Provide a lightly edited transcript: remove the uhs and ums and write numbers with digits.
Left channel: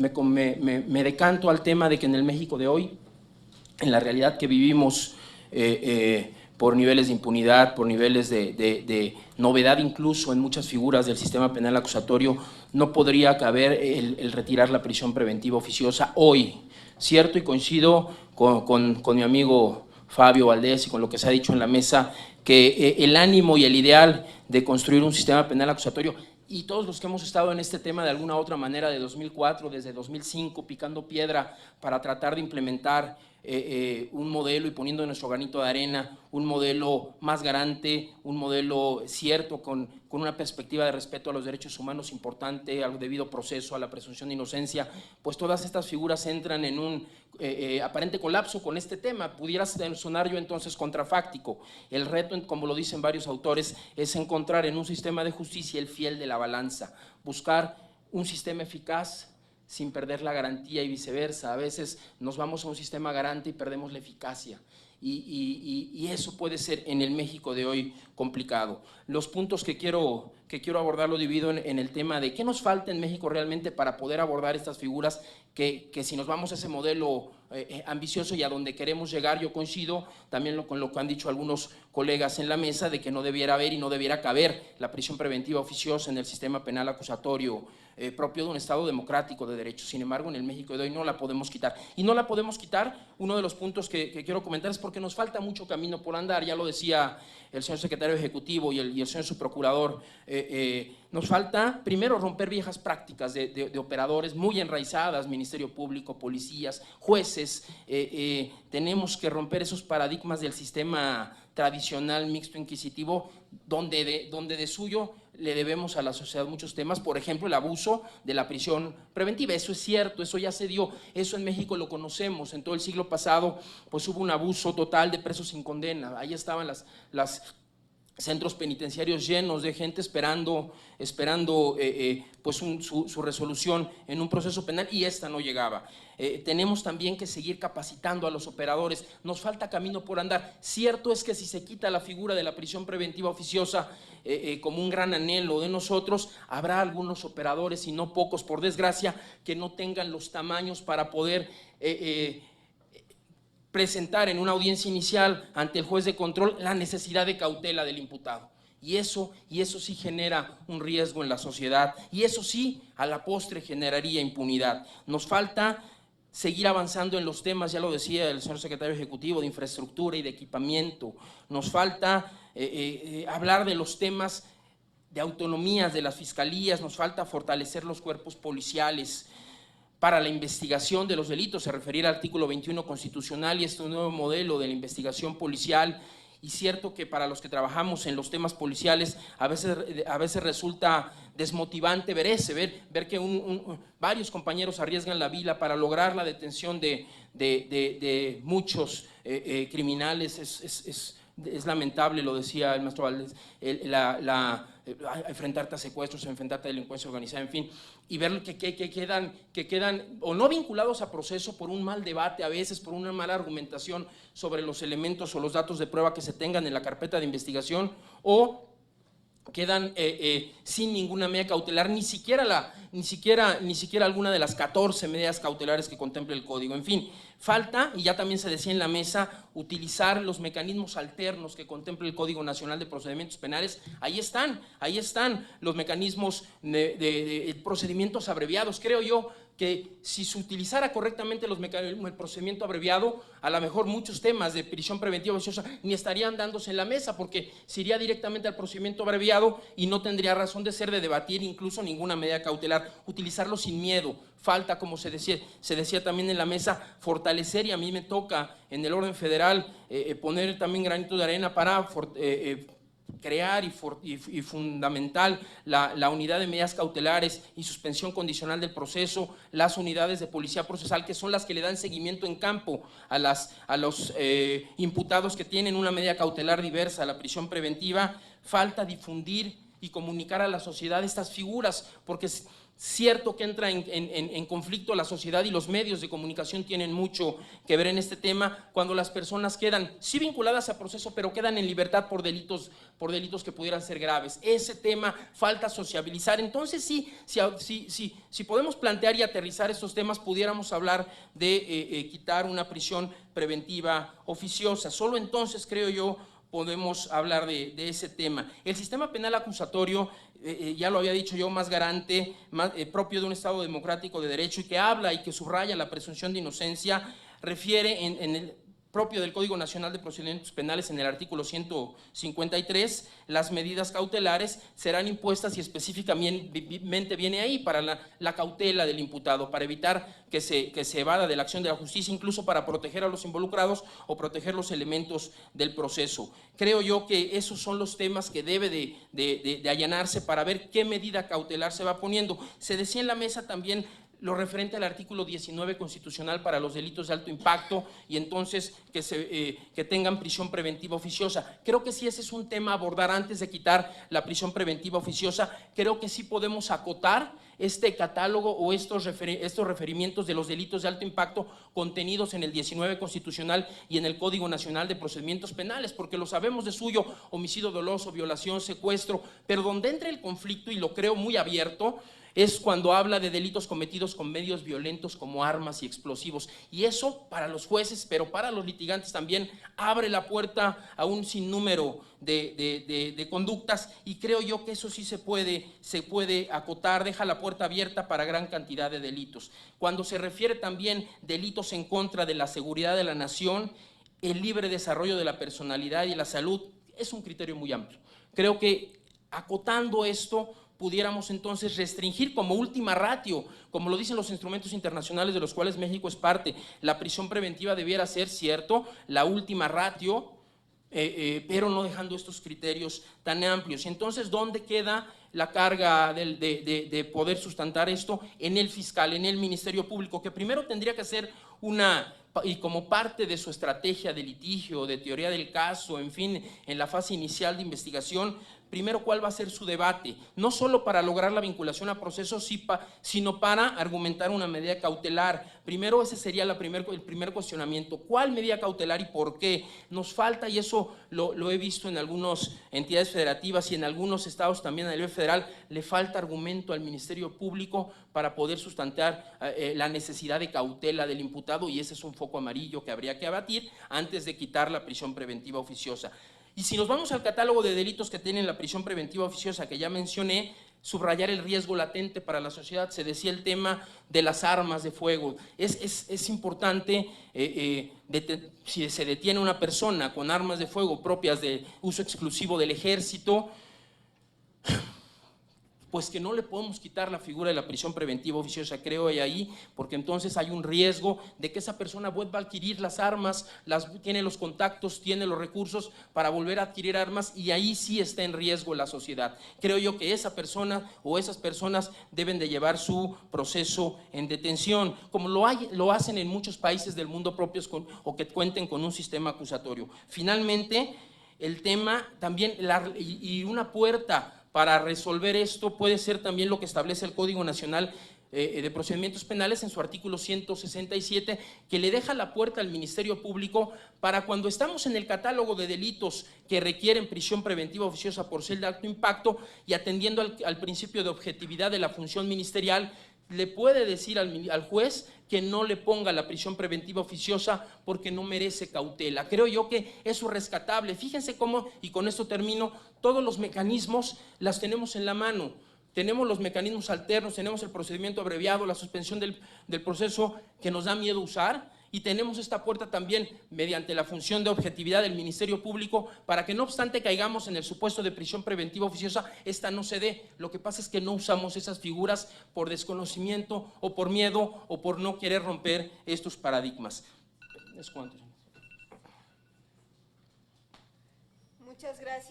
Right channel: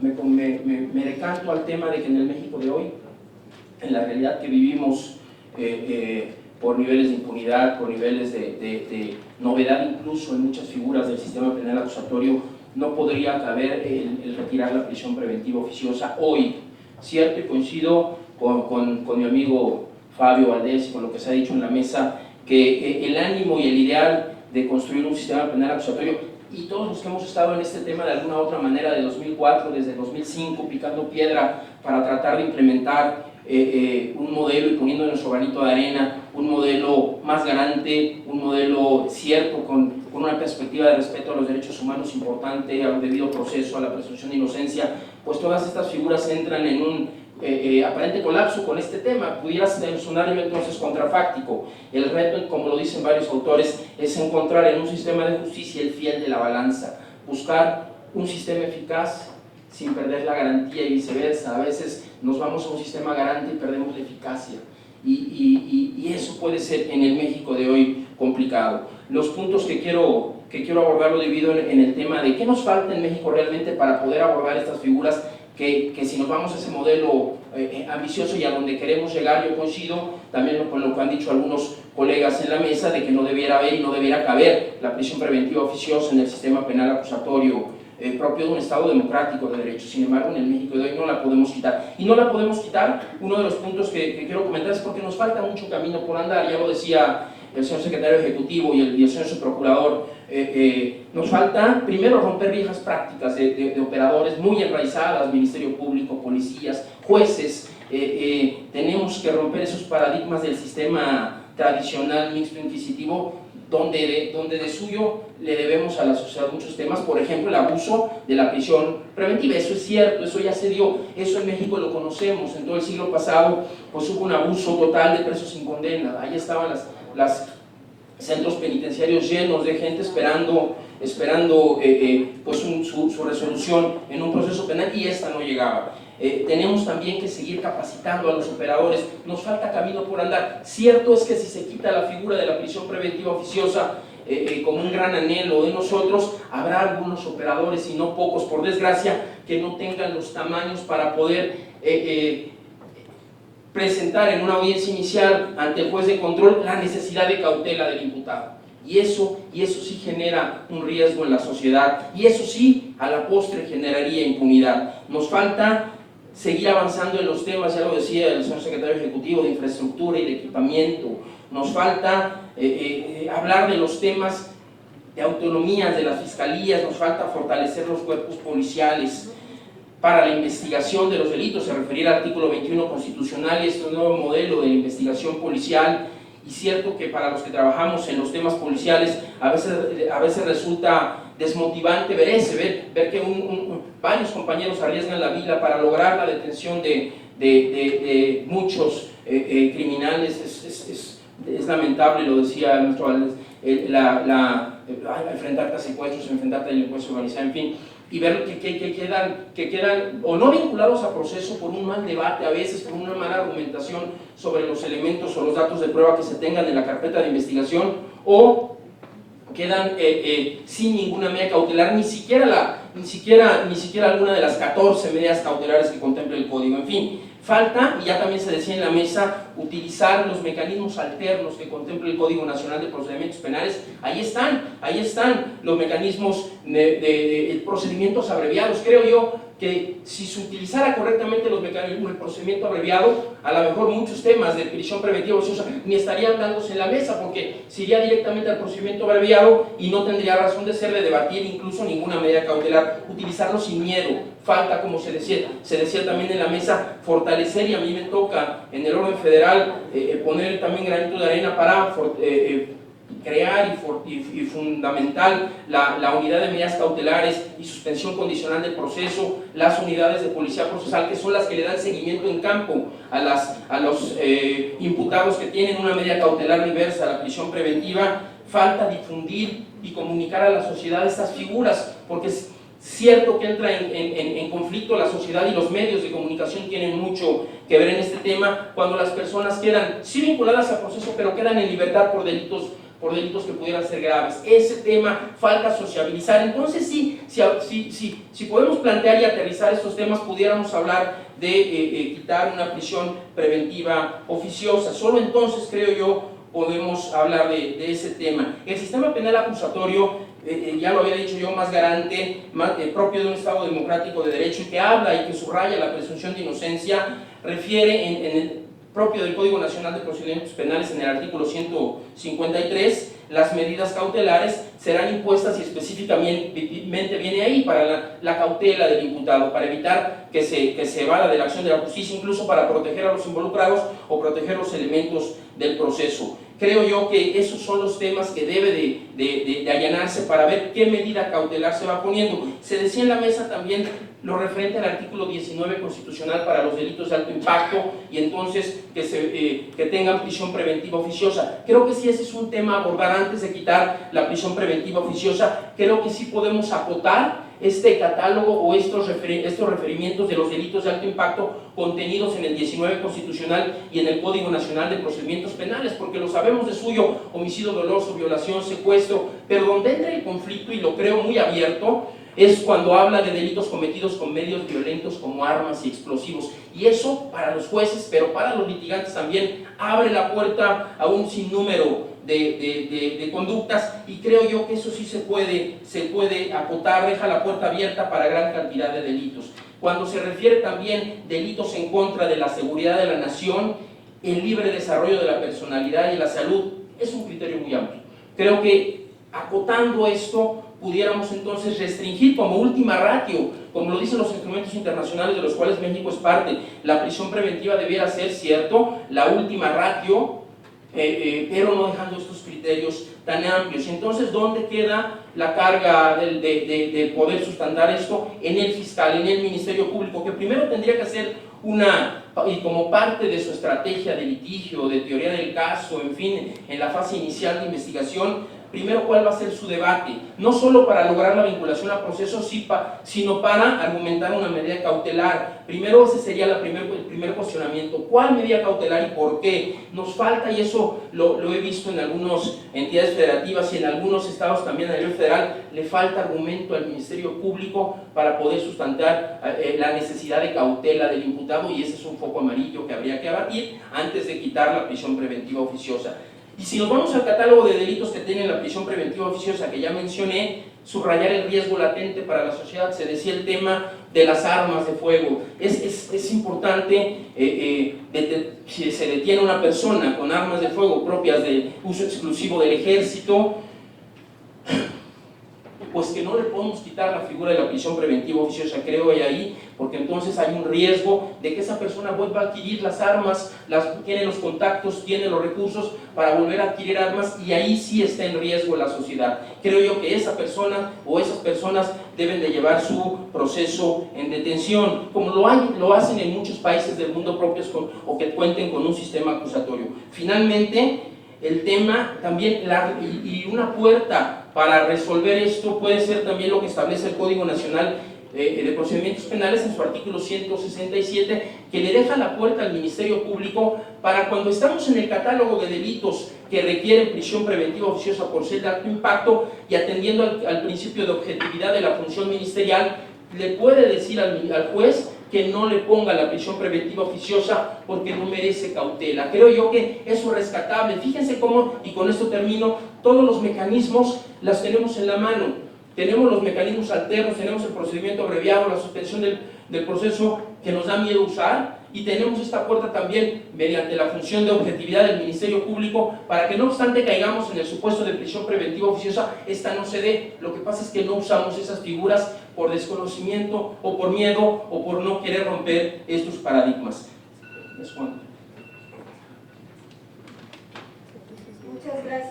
me decanto al tema de que en el México de hoy, en la realidad que vivimos, por niveles de impunidad, por niveles de novedad incluso en muchas figuras del sistema penal acusatorio, no podría caber el retirar la prisión preventiva oficiosa hoy, ¿cierto? Y coincido con mi amigo Fabio Valdés y con lo que se ha dicho en la mesa, que el ánimo y el ideal de construir un sistema penal acusatorio, y todos los que hemos estado en este tema de alguna u otra manera de 2004, desde 2005, picando piedra para tratar de implementar un modelo y poniendo nuestro granito de arena, un modelo más garante, un modelo cierto, con una perspectiva de respeto a los derechos humanos importante, al debido proceso, a la presunción de inocencia, pues todas estas figuras entran en un aparente colapso con este tema. Pudiera sonar entonces contrafáctico. El reto, como lo dicen varios autores, es encontrar en un sistema de justicia el fiel de la balanza, buscar un sistema eficaz sin perder la garantía y viceversa. A veces nos vamos a un sistema garante y perdemos la eficacia, y eso puede ser en el México de hoy complicado. Los puntos que quiero abordar lo divido en el tema de qué nos falta en México realmente para poder abordar estas figuras que si nos vamos a ese modelo ambicioso y a donde queremos llegar, yo coincido también con lo que han dicho algunos colegas en la mesa, de que no debiera haber y no debiera caber la prisión preventiva oficiosa en el sistema penal acusatorio propio de un Estado democrático de derecho. Sin embargo, en el México de hoy no la podemos quitar. Y no la podemos quitar, uno de los puntos que quiero comentar es porque nos falta mucho camino por andar. Ya lo decía el señor secretario ejecutivo y el señor subprocurador, nos falta primero romper viejas prácticas de operadores muy enraizadas, Ministerio Público, policías, jueces. Tenemos que romper esos paradigmas del sistema tradicional mixto inquisitivo, donde de suyo le debemos a la sociedad muchos temas, por ejemplo el abuso de la prisión preventiva. Eso es cierto, eso ya se dio, eso en México lo conocemos. En todo el siglo pasado pues hubo un abuso total de presos sin condena. Ahí estaban las centros penitenciarios llenos de gente esperando pues su resolución en un proceso penal, y esta no llegaba. Tenemos también que seguir capacitando a los operadores, nos falta camino por andar. Cierto es que si se quita la figura de la prisión preventiva oficiosa como un gran anhelo de nosotros, habrá algunos operadores, y no pocos por desgracia, que no tengan los tamaños para poder presentar en una audiencia inicial ante el juez de control la necesidad de cautela del imputado. Y eso sí genera un riesgo en la sociedad, y eso sí a la postre generaría impunidad. Nos falta seguir avanzando en los temas, ya lo decía el señor secretario ejecutivo, de infraestructura y de equipamiento. Nos falta hablar de los temas de autonomías de las fiscalías, nos falta fortalecer los cuerpos policiales para la investigación de los delitos. Se refería al artículo 21 constitucional y este nuevo modelo de la investigación policial. Y cierto que para los que trabajamos en los temas policiales a veces resulta desmotivante ver que varios compañeros arriesgan la vida para lograr la detención de muchos criminales. Es lamentable, lo decía nuestro Valdés, enfrentarte a secuestros, enfrentarte a delincuencia organizada, en fin, y ver que quedan o no vinculados a proceso por un mal debate, a veces por una mala argumentación sobre los elementos o los datos de prueba que se tengan en la carpeta de investigación, o quedan sin ninguna medida cautelar, ni siquiera alguna de las 14 medidas cautelares que contempla el Código. En fin, falta, y ya también se decía en la mesa, utilizar los mecanismos alternos que contempla el Código Nacional de Procedimientos Penales. Ahí están los mecanismos de procedimientos abreviados. Creo yo que si se utilizara correctamente los mecanismos del procedimiento abreviado, a lo mejor muchos temas de prisión preventiva ociosa ni estarían dándose en la mesa, porque se iría directamente al procedimiento abreviado y no tendría razón de ser de debatir incluso ninguna medida cautelar. Utilizarlo sin miedo. Falta, como se decía también en la mesa, fortalecer, y a mí me toca en el orden federal poner también granito de arena para crear y fundamental la unidad de medidas cautelares y suspensión condicional del proceso, las unidades de policía procesal, que son las que le dan seguimiento en campo a los imputados que tienen una medida cautelar diversa a la prisión preventiva. Falta difundir y comunicar a la sociedad estas figuras, porque es cierto que entra en conflicto la sociedad, y los medios de comunicación tienen mucho que ver en este tema, cuando las personas quedan sí vinculadas al proceso, pero quedan en libertad por delitos por delitos que pudieran ser graves. Ese tema falta sociabilizar. Entonces si podemos plantear y aterrizar estos temas, pudiéramos hablar de quitar una prisión preventiva oficiosa. Solo entonces, creo yo, podemos hablar de ese tema. El sistema penal acusatorio, ya lo había dicho yo, más garante, propio de un Estado democrático de derecho, y que habla y que subraya la presunción de inocencia, refiere en el propio del Código Nacional de Procedimientos Penales, en el artículo 153, las medidas cautelares serán impuestas, y específicamente viene ahí para la cautela del imputado, para evitar que se evada de la acción de la justicia, incluso para proteger a los involucrados o proteger los elementos del proceso. Creo yo que esos son los temas que debe de allanarse para ver qué medida cautelar se va poniendo. Se decía en la mesa también lo referente al artículo 19 constitucional para los delitos de alto impacto, y entonces que tengan prisión preventiva oficiosa. Creo que sí, ese es un tema a abordar antes de quitar la prisión preventiva oficiosa. Creo que sí podemos acotar este catálogo o estos referimientos de los delitos de alto impacto contenidos en el 19 constitucional y en el Código Nacional de Procedimientos Penales, porque lo sabemos de suyo: homicidio doloso, violación, secuestro, pero donde entra el conflicto, y lo creo muy abierto, es cuando habla de delitos cometidos con medios violentos como armas y explosivos. Y eso, para los jueces, pero para los litigantes también, abre la puerta a un sinnúmero de conductas, y creo yo que eso sí se puede acotar, deja la puerta abierta para gran cantidad de delitos. Cuando se refiere también delitos en contra de la seguridad de la nación, el libre desarrollo de la personalidad y la salud, es un criterio muy amplio. Creo que acotando esto, pudiéramos entonces restringir como última ratio, como lo dicen los instrumentos internacionales de los cuales México es parte, la prisión preventiva debiera ser, cierto, la última ratio, pero no dejando estos criterios tan amplios. Entonces, ¿dónde queda la carga de poder sustentar esto? En el fiscal, en el Ministerio Público, que primero tendría que hacer y como parte de su estrategia de litigio, de teoría del caso, en fin, en la fase inicial de investigación, primero cuál va a ser su debate, no solo para lograr la vinculación a procesos, sino para argumentar una medida cautelar. Primero ese sería el primer cuestionamiento: ¿cuál medida cautelar y por qué? Nos falta, y eso lo he visto en algunas entidades federativas y en algunos estados también a nivel federal, le falta argumento al Ministerio Público para poder sustentar la necesidad de cautela del imputado, y ese es un foco amarillo que habría que abatir antes de quitar la prisión preventiva oficiosa. Y si nos vamos al catálogo de delitos que tienen la prisión preventiva oficiosa, que ya mencioné, subrayar el riesgo latente para la sociedad, se decía el tema de las armas de fuego. Es importante, si se detiene una persona con armas de fuego propias de uso exclusivo del ejército, pues que no le podemos quitar la figura de la prisión preventiva oficiosa, creo ahí, porque entonces hay un riesgo de que esa persona vuelva a adquirir las armas, tiene los contactos, tiene los recursos para volver a adquirir armas, y ahí sí está en riesgo la sociedad. Creo yo que esa persona o esas personas deben de llevar su proceso en detención, como lo hacen en muchos países del mundo propios o que cuenten con un sistema acusatorio. Finalmente, el tema también, y una puerta para resolver esto puede ser también lo que establece el Código Nacional de Procedimientos Penales en su artículo 167, que le deja la puerta al Ministerio Público para, cuando estamos en el catálogo de delitos que requieren prisión preventiva oficiosa por ser de alto impacto, y atendiendo al principio de objetividad de la función ministerial, le puede decir al juez que no le ponga la prisión preventiva oficiosa porque no merece cautela. Creo yo que eso es rescatable. Fíjense cómo, y con esto termino, todos los mecanismos las tenemos en la mano. Tenemos los mecanismos alternos, tenemos el procedimiento abreviado, la suspensión del proceso que nos da miedo usar, y tenemos esta puerta también mediante la función de objetividad del Ministerio Público para que, no obstante caigamos en el supuesto de prisión preventiva oficiosa, esta no se dé. Lo que pasa es que no usamos esas figuras por desconocimiento o por miedo o por no querer romper estos paradigmas. Muchas gracias.